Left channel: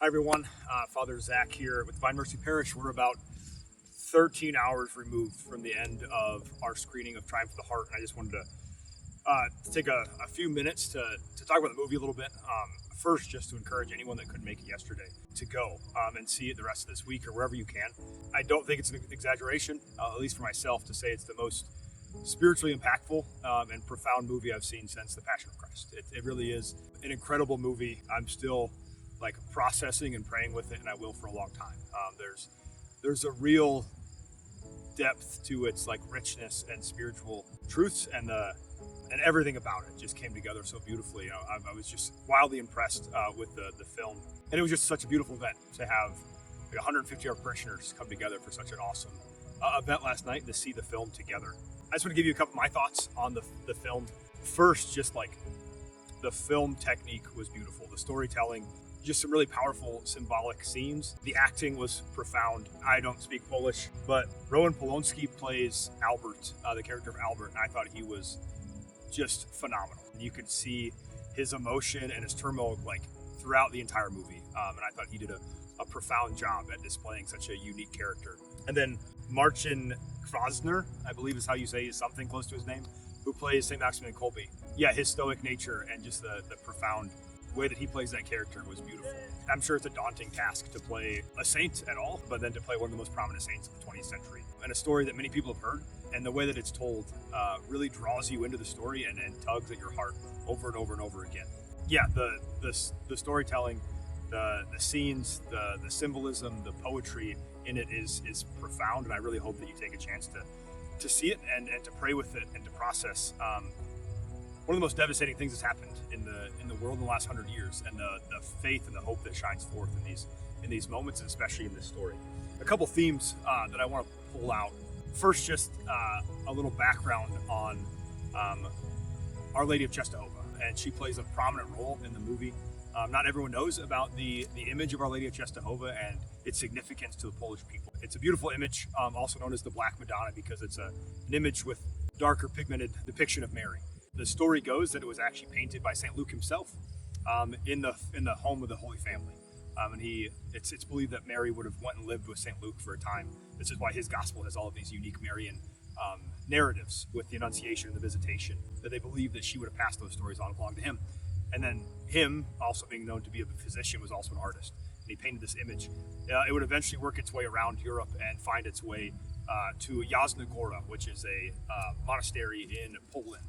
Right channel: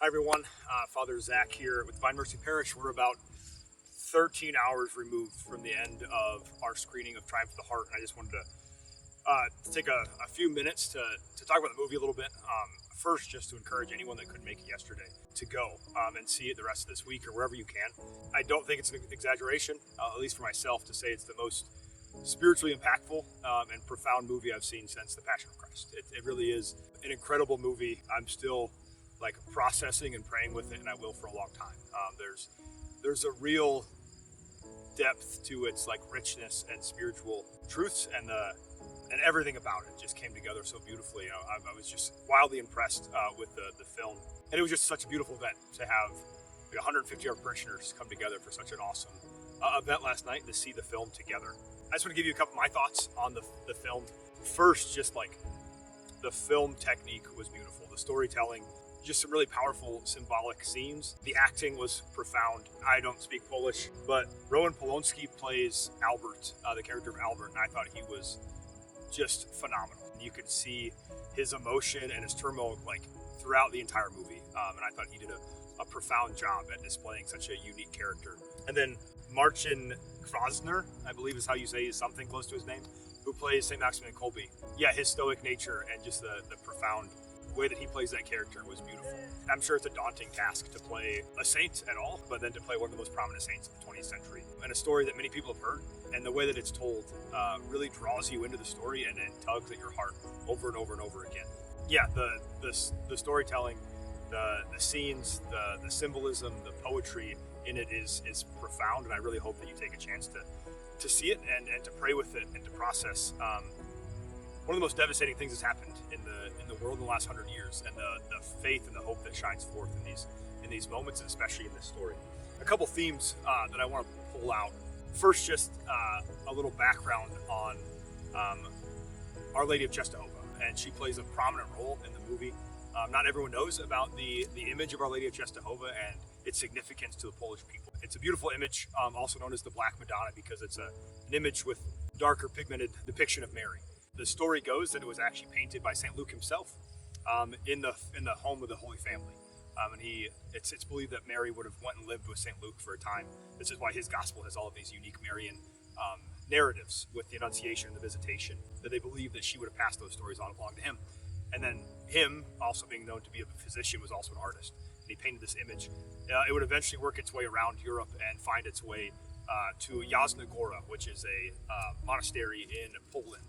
Hi, everyone. Father Zach here with Divine Mercy Parish. We're about 13 hours removed from the end of our screening of Triumph of the Heart. And I just wanted to take a few minutes to talk about the movie a little bit. First, just to encourage anyone that couldn't make it yesterday to go and see it the rest of this week or wherever you can. I don't think it's an exaggeration, at least for myself, to say it's the most spiritually impactful and profound movie I've seen since The Passion of Christ. It really is an incredible movie. I'm still processing and praying with it, and I will for a long time. There's a real depth to its richness and spiritual truths, and everything about it just came together so beautifully. I was just wildly impressed with the film, and it was just such a beautiful event to have 150 of our parishioners come together for such an awesome event last night to see the film together. I just want to give you a couple of my thoughts on the film. First, just the film technique was beautiful. The storytelling, just some really powerful symbolic scenes. The acting was profound. I don't speak Polish, but Roman Polonsky plays Albert, the character of Albert, and I thought he was just phenomenal. You could see his emotion and his turmoil throughout the entire movie, and I thought he did a profound job at displaying such a unique character. And then Marcin Krosner, I believe is how you say, is something close to his name, who plays St. Maximilian Kolbe. Yeah, his stoic nature and just the profound way that he plays that character was beautiful. I'm sure it's a daunting task to play a saint at all, but then to play one of the most prominent saints of the 20th century. And a story that many people have heard, and the way that it's told really draws you into the story and tugs at your heart over and over and over again. Yeah, the storytelling, the scenes, the symbolism, the poetry in it is profound, and I really hope that you take a chance to see it and to pray with it and to process one of the most devastating things that's happened in the world in the last 100 years, and the faith and the hope that shines forth in these moments, and especially in this story. A couple themes that I want to pull out. First, just a little background on Our Lady of Czestochowa, and she plays a prominent role in the movie. Not everyone knows about the image of Our Lady of Czestochowa and its significance to the Polish people. It's a beautiful image, also known as the Black Madonna, because it's an image with darker pigmented depiction of Mary. The story goes that it was actually painted by St. Luke himself in the home of the Holy Family. And it's believed that Mary would have went and lived with St. Luke for a time. This is why his gospel has all of these unique Marian narratives with the Annunciation and the Visitation, that they believe that she would have passed those stories on along to him. And then him, also being known to be a physician, was also an artist. And he painted this image. It would eventually work its way around Europe and find its way to Jasna Góra, which is a monastery in Poland,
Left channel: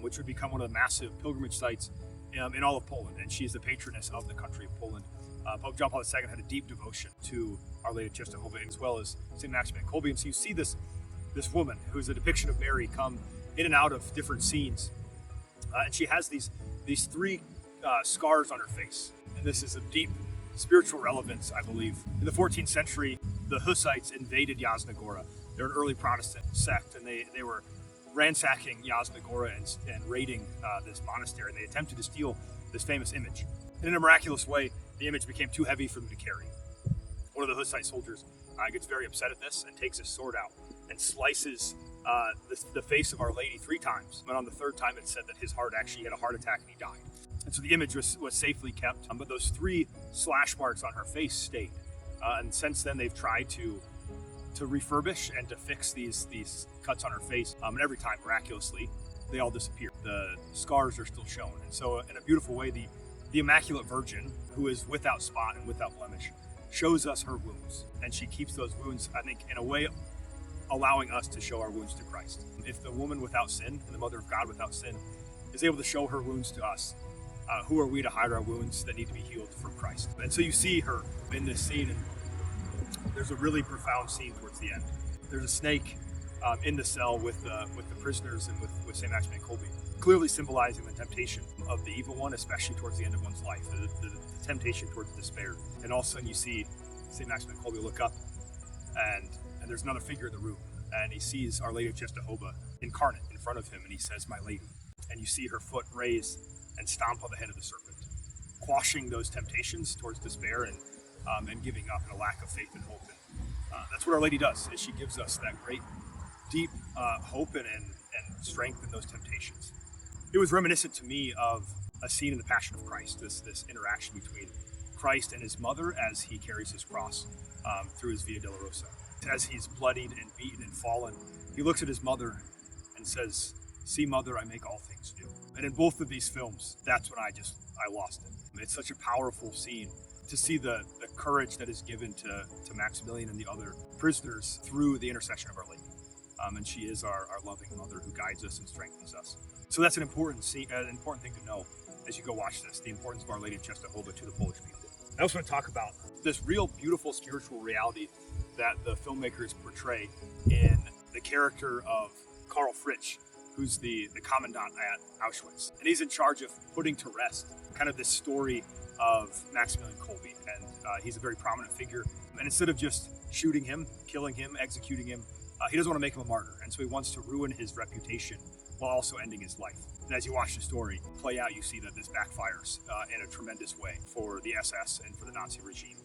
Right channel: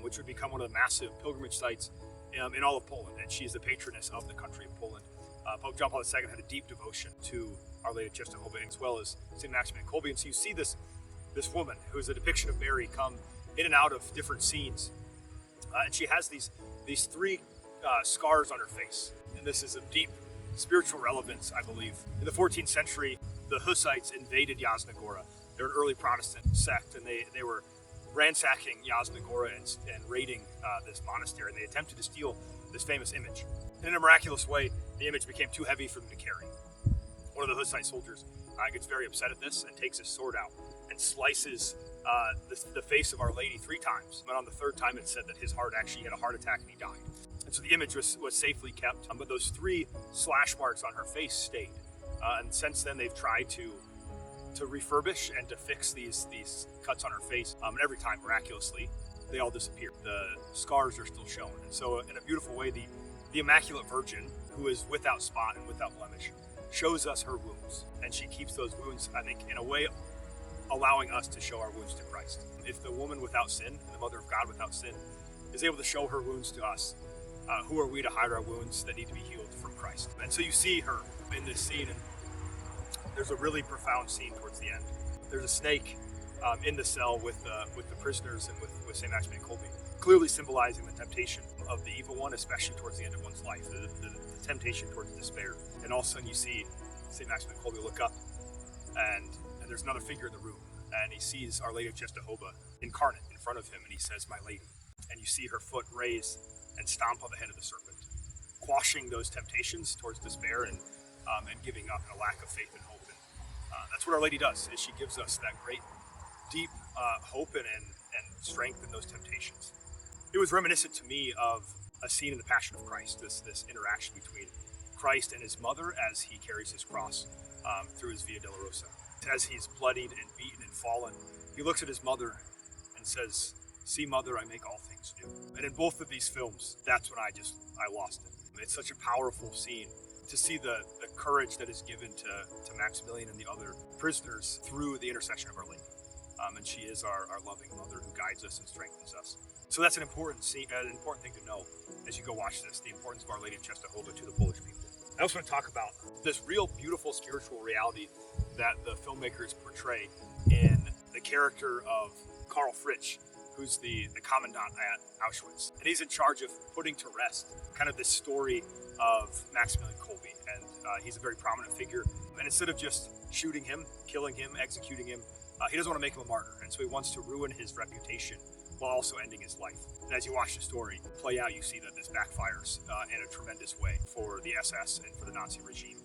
which would become one of the massive pilgrimage sites in all of Poland. And she's the patroness of the country of Poland. Pope John Paul II had a deep devotion to Our Lady of Czestochowa, as well as St. Maximilian Kolbe. And so you see this woman, who is a depiction of Mary, come in and out of different scenes. And she has these three scars on her face. And this is of deep spiritual relevance, I believe. In the 14th century, the Hussites invaded Jasna Góra. They're an early Protestant sect, and they were ransacking Jasna Góra and raiding this monastery. They attempted to steal this famous image. And in a miraculous way, the image became too heavy for them to carry. One of the Hussite soldiers gets very upset at this and takes his sword out and slices the face of Our Lady 3 times. But on the third time, it said that his heart actually had a heart attack and he died. And so the image was safely kept, but those 3 slash marks on her face stayed. And since then, they've tried to refurbish and to fix these cuts on her face. And every time, miraculously, they all disappear. The scars are still shown. And so in a beautiful way, the Immaculate Virgin, who is without spot and without blemish, shows us her wounds. And she keeps those wounds, I think, in a way, allowing us to show our wounds to Christ. If the woman without sin, the Mother of God without sin, is able to show her wounds to us, who are we to hide our wounds that need to be healed from Christ? And so you see her in this scene. There's a really profound scene towards the end. There's a snake in the cell with the prisoners and with St. Maximilian Kolbe, clearly symbolizing the temptation of the evil one, especially towards the end of one's life, the temptation towards despair. And all of a sudden you see St. Maximilian Kolbe look up, and there's another figure in the room, and he sees Our Lady of Czestochowa incarnate in front of him, and he says, "My Lady." And you see her foot raise and stomp on the head of the serpent, quashing those temptations towards despair and giving up and a lack of faith and hope. And that's what Our Lady does, is she gives us that great, deep hope and strength in those temptations. It was reminiscent to me of a scene in The Passion of Christ, this interaction between Christ and his mother as he carries his cross through his Via Dolorosa. As he's bloodied and beaten and fallen, he looks at his mother and says, "See, mother, I make all things new." And in both of these films, that's when I lost it. It's such a powerful scene to see the courage that is given to Maximilian and the other prisoners through the intercession of Our Lady. And she is our loving mother who guides us and strengthens us. So that's an important scene, an important thing to know as you go watch this, the importance of Our Lady of Czestochowa to the Polish people. I also want to talk about this real beautiful spiritual reality that the filmmakers portray in the character of Karl Fritsch, who's the commandant at Auschwitz. And he's in charge of putting to rest kind of this story of Maximilian Kolbe. And he's a very prominent figure. And instead of just shooting him, killing him, executing him, he doesn't want to make him a martyr. And so he wants to ruin his reputation while also ending his life. And as you watch the story play out, you see that this backfires in a tremendous way for the SS and for the Nazi regime.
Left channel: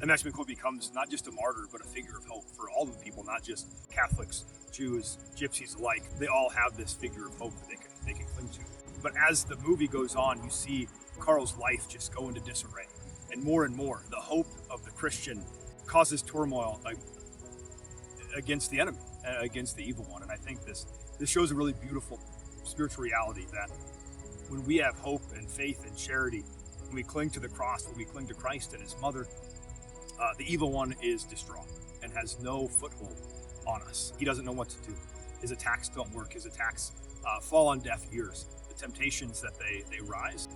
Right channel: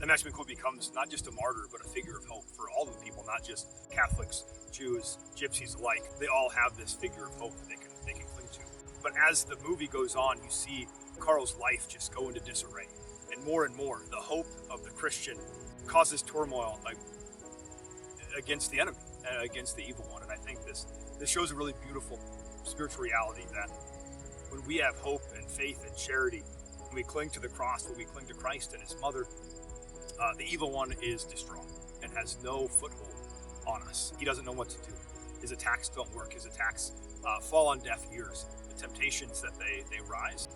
And Maximilian Kolbe becomes not just a martyr, but a figure of hope for all of the people, not just Catholics, Jews, Gypsies alike. They all have this figure of hope that they can cling to. But as the movie goes on, you see Karl's life just go into disarray. And more, the hope of the Christian causes turmoil against the enemy, against the evil one. And I think this shows a really beautiful spiritual reality that when we have hope and faith and charity, when we cling to the cross, when we cling to Christ and his mother, the evil one is destroyed and has no foothold on us. He doesn't know what to do. His attacks don't work. His attacks fall on deaf ears. The temptations that they rise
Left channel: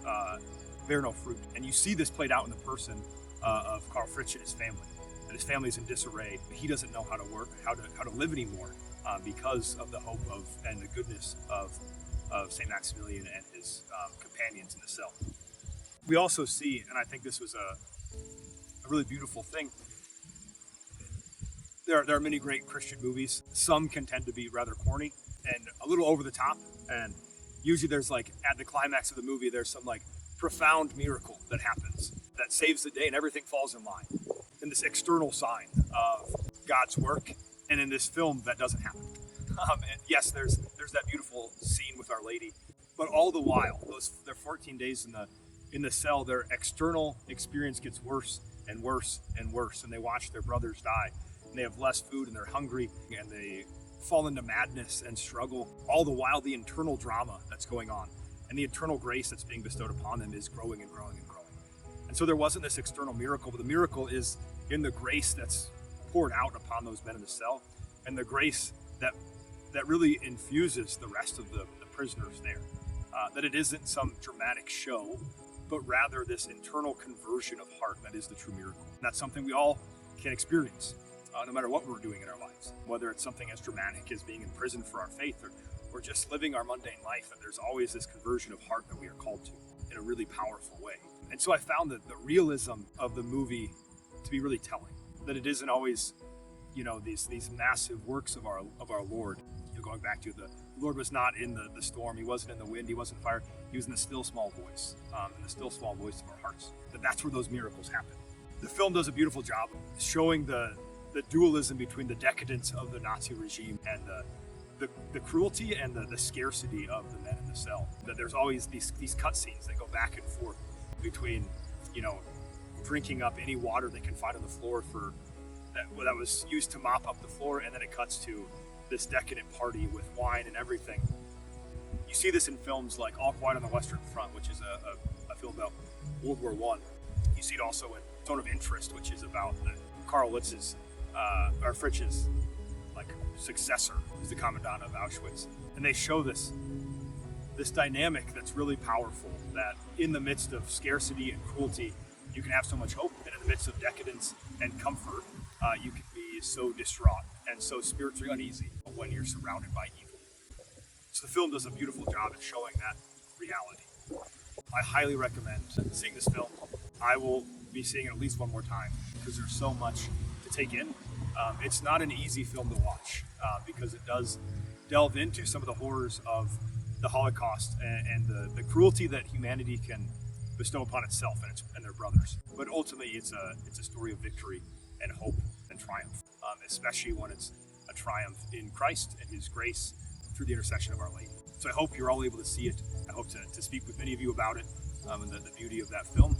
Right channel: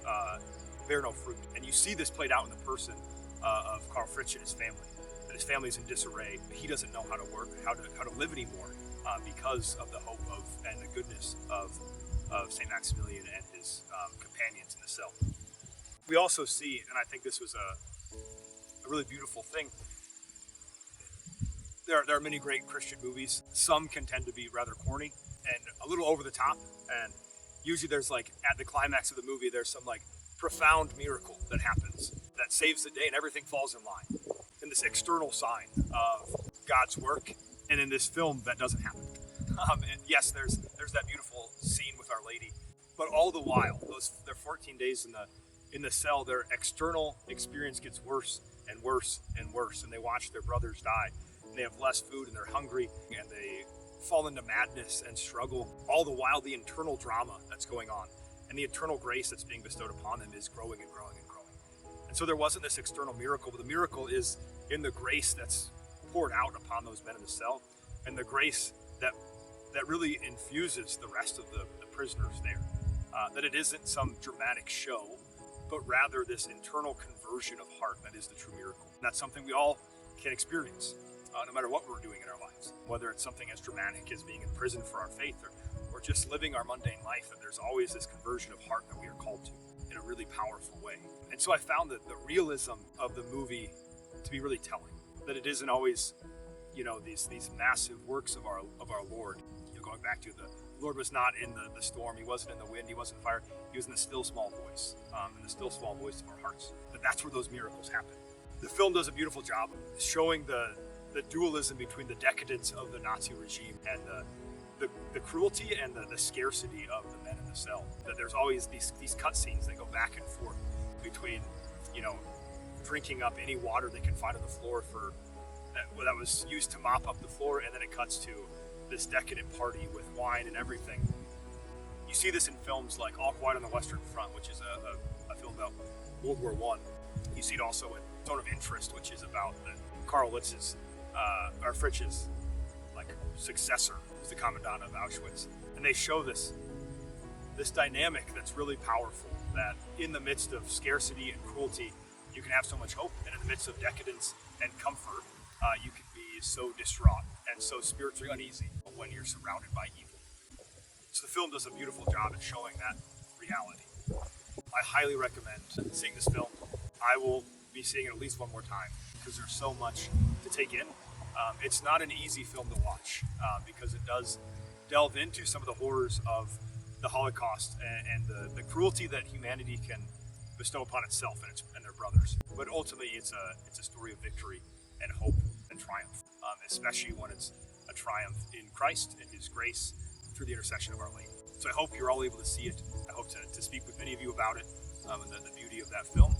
bear no fruit. And you see this played out in the person of Karl Fritsch and his family. That his family's in disarray. He doesn't know how to work, how to live anymore because of the hope of and the goodness of St. Maximilian and his companions in the cell. We also see, and I think this was a really beautiful thing, there are many great Christian movies. Some can tend to be rather corny and a little over the top. And usually there's like, at the climax of the movie, there's some like profound miracle that happens that saves the day and everything falls in line. And this external sign of God's work. And in this film, that doesn't happen. And yes, there's that beautiful scene with Our Lady, but all the while, their 14 days in the cell, their external experience gets worse and worse and worse, and they watch their brothers die. And they have less food, and they're hungry, and they fall into madness and struggle. All the while, the internal drama that's going on and the eternal grace that's being bestowed upon them is growing and growing and growing. And so there wasn't this external miracle, but the miracle is in the grace that's poured out upon those men in the cell, and the grace that really infuses the rest of the prisoners there. That it isn't some dramatic show, but rather this internal conversion of heart that is the true miracle. And that's something we all can experience, no matter what we're doing in our lives. Whether it's something as dramatic as being in prison for our faith, or just living our mundane life, and there's always this conversion of heart that we are called to in a really powerful way. And so I found that the realism of the movie to be really telling. That it isn't always, these massive works of our Lord. Going back to the Lord was not in the storm, he wasn't in the wind, he wasn't in fire, he was in the still small voice, in the still small voice of our hearts. But that's where those miracles happen. The film does a beautiful job showing the dualism between the decadence of the Nazi regime and the cruelty and the scarcity of the men in the cell. That there's always these cutscenes that go back and forth between, drinking up any water they can find on the floor that was used to mop up the floor, and then it cuts to this decadent party with wine and everything. You see this in films like All Quiet on the Western Front, which is a film about World War I. You see it also in Zone of Interest, which is about Karl Fritz's successor, who's the commandant of Auschwitz. And they show this dynamic that's really powerful, that in the midst of scarcity and cruelty, you can have so much hope, and in the midst of decadence and comfort, you can be so distraught and so spiritually uneasy when you're surrounded by evil. So the film does a beautiful job at showing that reality. I highly recommend seeing this film. I will be seeing it at least one more time because there's so much to take in. It's not an easy film to watch because it does delve into some of the horrors of the Holocaust and the cruelty that humanity can bestow upon itself and their brothers. But ultimately, it's a story of victory and hope and triumph, especially when it's a triumph in Christ and his grace through the intercession of Our Lady. So I hope you're all able to see it. I hope to speak with many of you about it and the beauty of that film.